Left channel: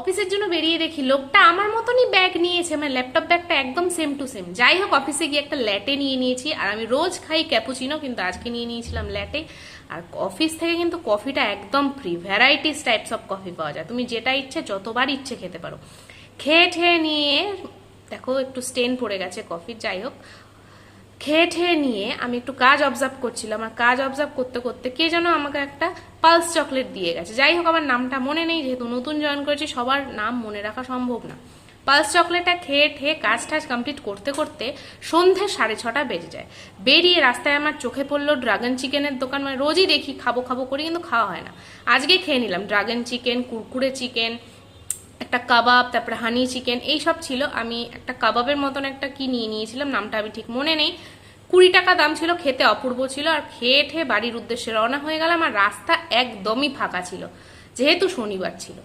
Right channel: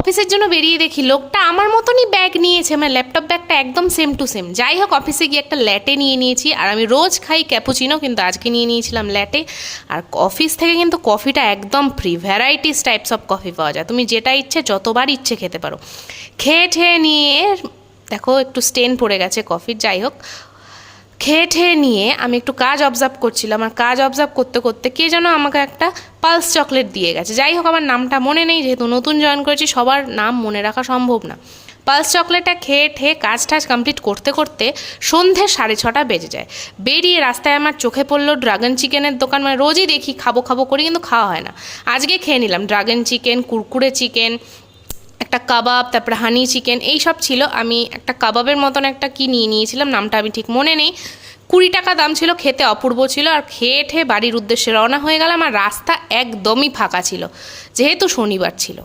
অফিসের জন্য বেরিয়ে দেখি লোকটা আমার মতনই ব্যাগ নিয়েছে, মানে ল্যাপটপ ব্যাগটা একদম সেম টু সেম। যাই হোক, অফিসে গিয়ে একটা ল্যাটে নিয়ে নিয়েছি। আর আমি রোজ খাই ক্যাপুচিনো, কিন্তু আজকে নিয়ে নিয়েছিলাম ল্যাটে। আর অফিস থেকে কিন্তু কফিটা একদম free, varieties types of coffee পাওয়া যায়, তুমি যেটা ইচ্ছে যতবার ইচ্ছে খেতে পারো। খেয়ে ঠেয়ে নিয়ে দেখো একটু স্টেন পড়ে গেছে কফির, যাই হোক খেয়ে ঠেয়ে নিয়ে আমি একটু কাজ অবজার্ভ করছিলাম। আর কাজ অবজার্ভ করতে করতে কে যেন আমাকে একটা পালস চকলেট দিয়ে গেছে। যাই হোক, আমার নামটা মনে নেই, যেহেতু নতুন জয়েন করেছি সবার নাম মনে রাখা সম্ভব না। পালস চকলেটটা খেয়ে ঠেয়ে কাজ টাজ কমপ্লিট করতে করতে সন্ধ্যে 6:30 বেজে যায়। বেরিয়ে রাস্তায় আমার চোখে পড়লো ড্রাগন চিকেনের দোকান। মানে রোজই দেখি খাবো খাবো করি, কিন্তু খাওয়া হয় না। আজকে খেয়ে নিলাম ড্রাগন চিকেন, কুরকুরে চিকেন, একটা কাবাব, তারপরে হানি চিকেন, এই সব ছিল। আমি একটা কাবাবের মতন একটা কি নিয়ে নিয়েছিলাম, নামটা আমি ঠিক মনে নেই। 20 টাকা দাম ছিল, খেতে অপূর্ব ছিল। আর খেয়ে ঠেয়ে বাড়ির উদ্দেশ্যে রওনা হয়ে গেলাম। আর রাস্তা একদমই ফাঁকা ছিল, যেহেতু শনিবার ছিল।